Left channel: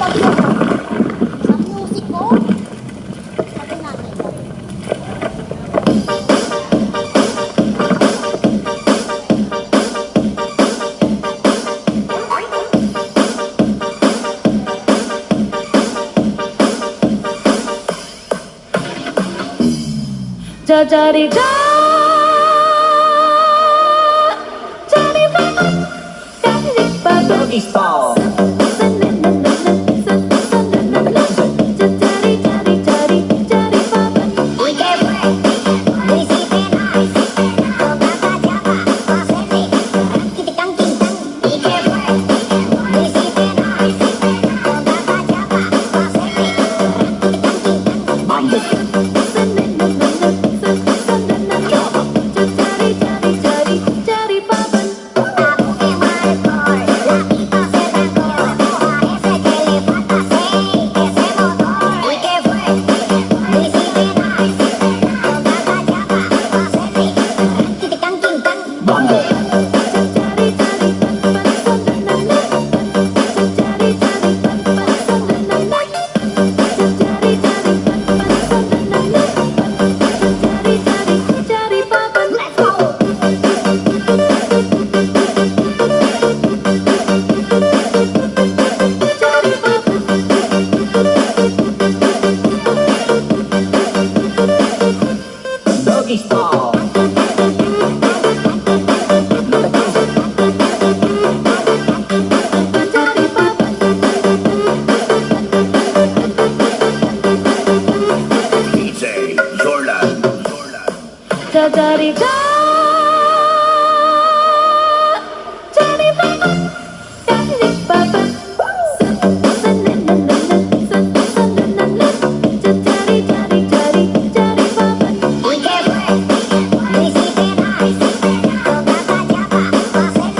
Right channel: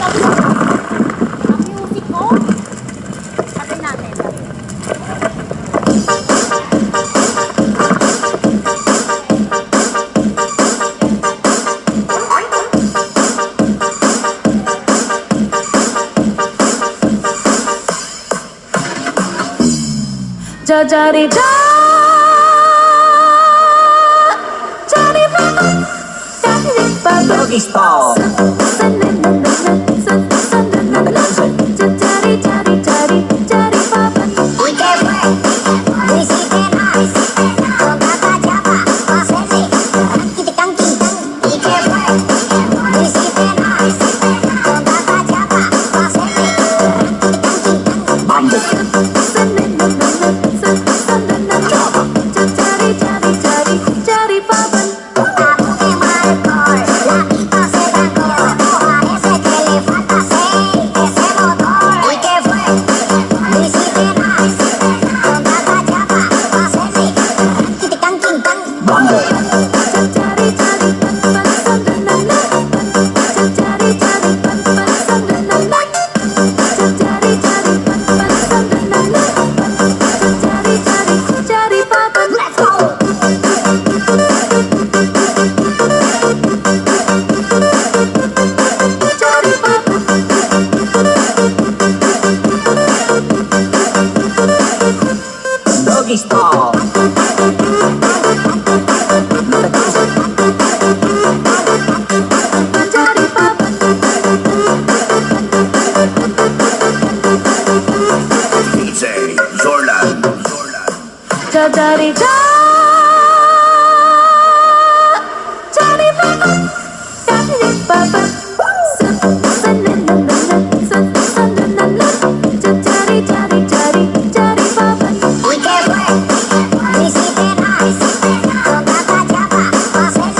bagyo. Ang music ko. Sabi natin. Jari ja, jari mama, jari papa. Doggy style. Jari jari jari jari papa. We can work. Music and ice. Kata Java. Masih. Kita tangking. We can work. Music and ice. Kata Java. Masih. Bamboo. Doggy style. DJ Zorlan. Jari ja, jari mama, jari papa. Jari jari jari jari papa. We can work. Music and ice. Kata Java. Masih.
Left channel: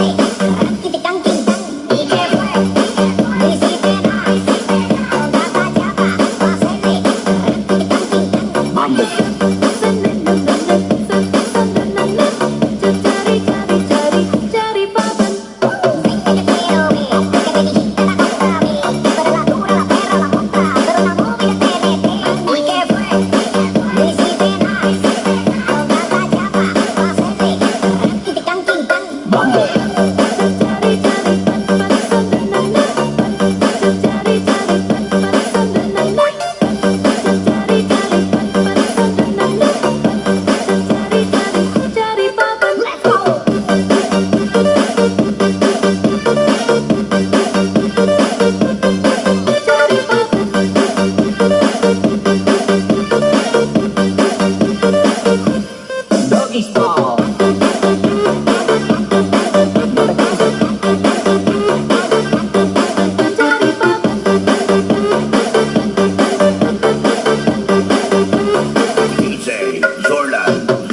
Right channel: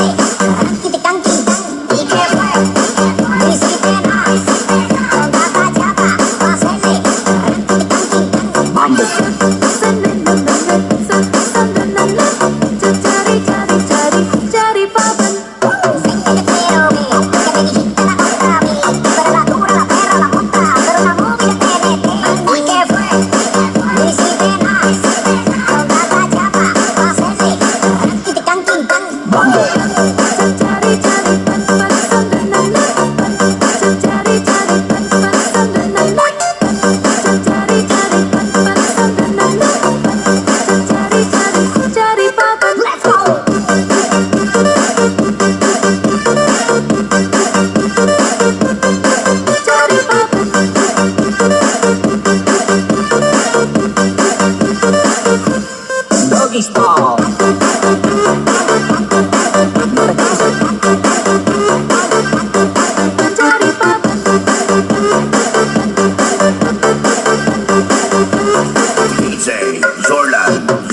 Kita tangking. We can work. Music and ice. Kata Java. Masih. Bamboo. Jari papa. We can work. Music and ice. Kata Java. Masih. Kita tangking. Bamboo. Doggy style. DJ Zorlan.